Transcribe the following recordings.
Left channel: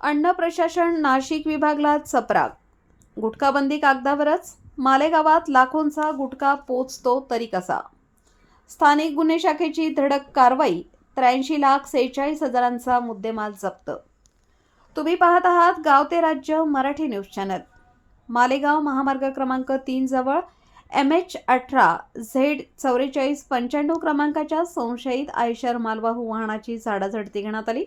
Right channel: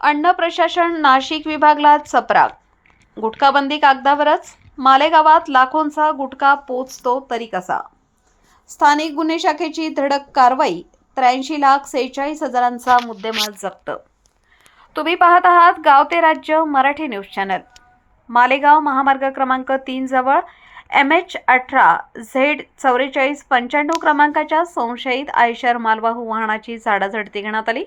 अन्न प्रशासन नाशिक विभागला चपराक. गुटखाबंदी कागदावरच, मालेगावात लाखोंचा गुटखा पोचतो तरी कसा. स्थानिक गुन्हे शाखेची धडक कारवाई. 83,46,000चा मुद्देमाल जप्त. तुम्ही पाहत आहात गाव ते राज्य मराठी न्यूज चॅनल. मालेगाव महामार्ग क्रमांक 3 जवळ MH18Z4495 क्रमांकाच्या संशयित आयशर मालवाहू वाहनाची झाडाझडती घेण्यात आली.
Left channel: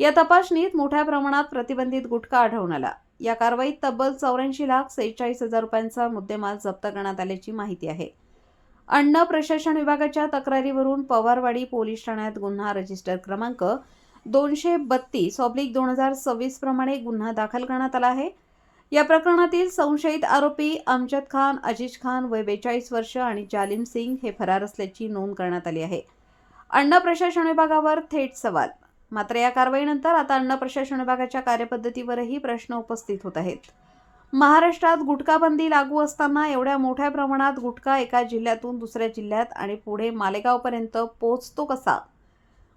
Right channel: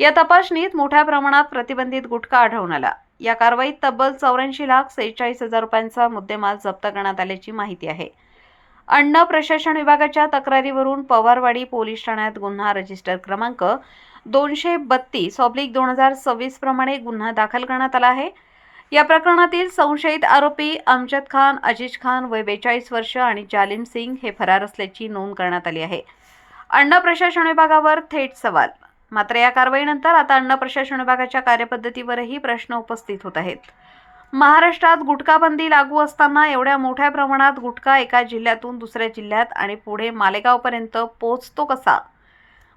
या तपासणीत मोठ्या प्रमाणात प्रतिबंधित गुटखा आढळून आला. या कारवाईत तब्बल 84,46,000 रुपयांचा मुद्देमाल जप्त करण्यात आल्याची माहिती आहे. अन्न प्रशासन विभागाच्या तक्रारीवरून पवारवाडी पोलीस ठाण्यात गुन्हा रजिस्टर क्रमांक 232/2026 प्रमाणे गुन्हा दाखल करण्यात आला आहे. या प्रकरणातील संशयित आरोपी अमजद खान, अजीज खान वय 42 वर्ष आणि जालिम सिंग हे फरार असल्याची नोंद करण्यात आली आहे. अन्न प्रशासन विभागावर थेट सवाल. मात्र या कारवाईनंतर आता अन्न प्रशासन विभागाच्या कार्यपद्धतीवरही प्रश्न उपस्थित होत आहेत. महाराष्ट्रात गुटखाबंदी लागू असताना एवढ्या मोठ्या प्रमाणात गुटखा एका जिल्ह्यातून दुसऱ्या जिल्ह्यात आणि पुढे मालेगावपर्यंत पोहोचतो कसा.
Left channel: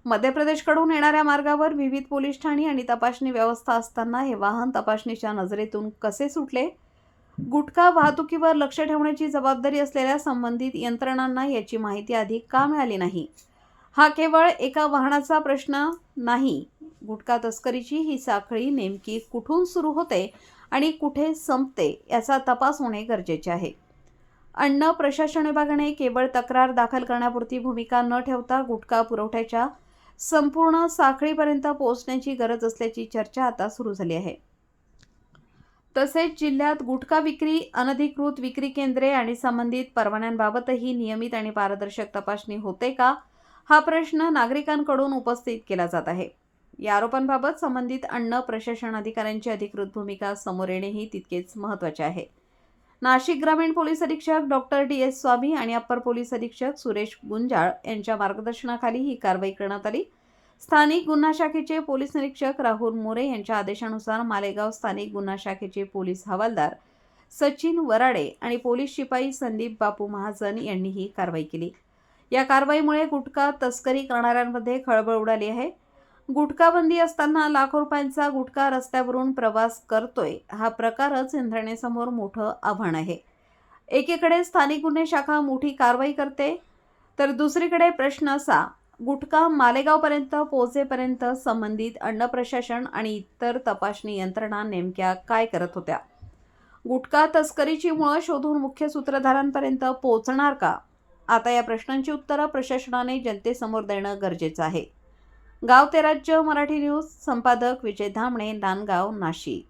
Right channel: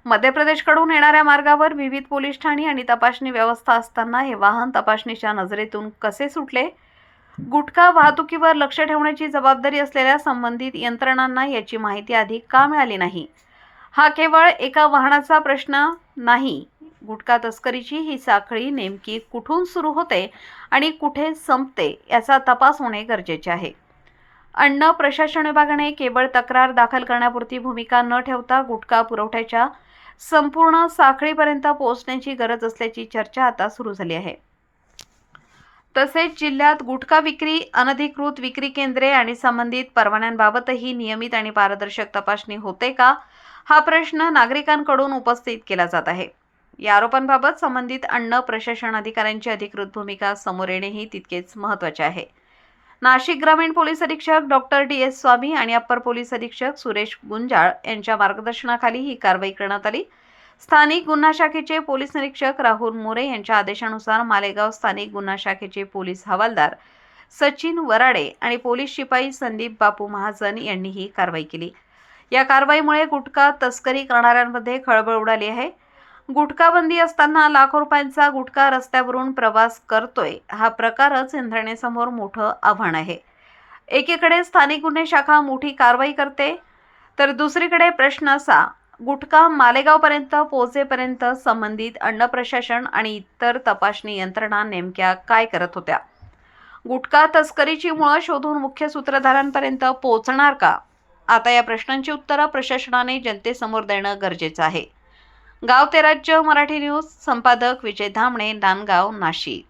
मध्य प्रदेशकडून येणाऱ्या मार्गावर विविध पोलीस ठाणी आणि तपासणी व्यवस्था असताना हे वाहन तपासणीच्या नजरेतून कसे सुटले. गुटखा वाहतुकीवर लक्ष ठेवण्याची जबाबदारी असलेल्या संबंधित यंत्रणांना याची माहिती आधी का मिळाली नाही. हा केवळ एका वाहनाचा प्रश्न नाही. गुटखा तस्करीची ही साखळी नेमकी कुठून सुरू होते आणि कुठे संपते याचा तपास होणे गरजेचे आहे. अन्न प्रशासन विभागाने केवळ तक्रार दाखल करण्यापुरती भूमिका न ठेवता गुटखा पुरवठ्याच्या संपूर्ण साखळीपर्यंत पोहोचण्याची गरज असल्याची चर्चा आता सुरू झाली आहे. तसेच जिल्ह्यात गुटखा विक्री, अनधिकृत विक्री केंद्रे आणि संबंधित परवान्यांबाबतही नियमित आणि पारदर्शक तपासणी होते का, हा प्रश्न नागरिकांकडून उपस्थित केला जात आहे. या आरोपांबाबत संबंधित अन्न प्रशासन अधिकाऱ्यांची अधिकृत भूमिका समोर येणेही तितकेच महत्त्वाचे आहे. नाशिक ग्रामीण पोलीस अधीक्षक डॉक्टर DS स्वामी आणि अप्पर पोलीस अधीक्षक सुरेश गुंजाळ यांच्या मार्गदर्शनाखाली ही कारवाई करण्यात आली. स्थानिक गुन्हा शाखेचे पोलीस निरीक्षक राहुल मोरे यांच्या आदेशानुसार मालेगाव स्थानिक गुन्हा शाखेचे पोलीस हवालदार सचिन वराडे आणि पोलीस शिपाई संदीप बापू महाजन यांनी ही कारवाई केली. या कारवाईमुळे गुटखा तस्करी करणाऱ्यांमध्ये खळबळ उडाली आहे. गुटखाबंदी असताना लाखो रुपयांचा गुटखा रस्त्यावरून प्रवास करतोय हा प्रकारच यंत्रणेसमोर मोठं आव्हान आहे. एकीकडे स्थानिक गुन्हे शाखा मोठी कारवाई करते, तर दुसरीकडे प्रश्न असा, गुटखा मालेगावपर्यंत पोहोचेपर्यंत संबंधित अन्न प्रशासन आणि इतर तपासणी यंत्रणा नेमक्या काय करत होत्या. गुटखा तस्करीची मुळं शोधून मुख्य सूत्रधारांपर्यंत पोहोचणार का. आता या प्रश्नांची उत्तरं प्रशासनाने जनतेसमोर देणं गरजेचं आहे. गाव ते राज्य मराठी न्यूज, संपादक विजय धामणे, नांदगाव, नाशिक.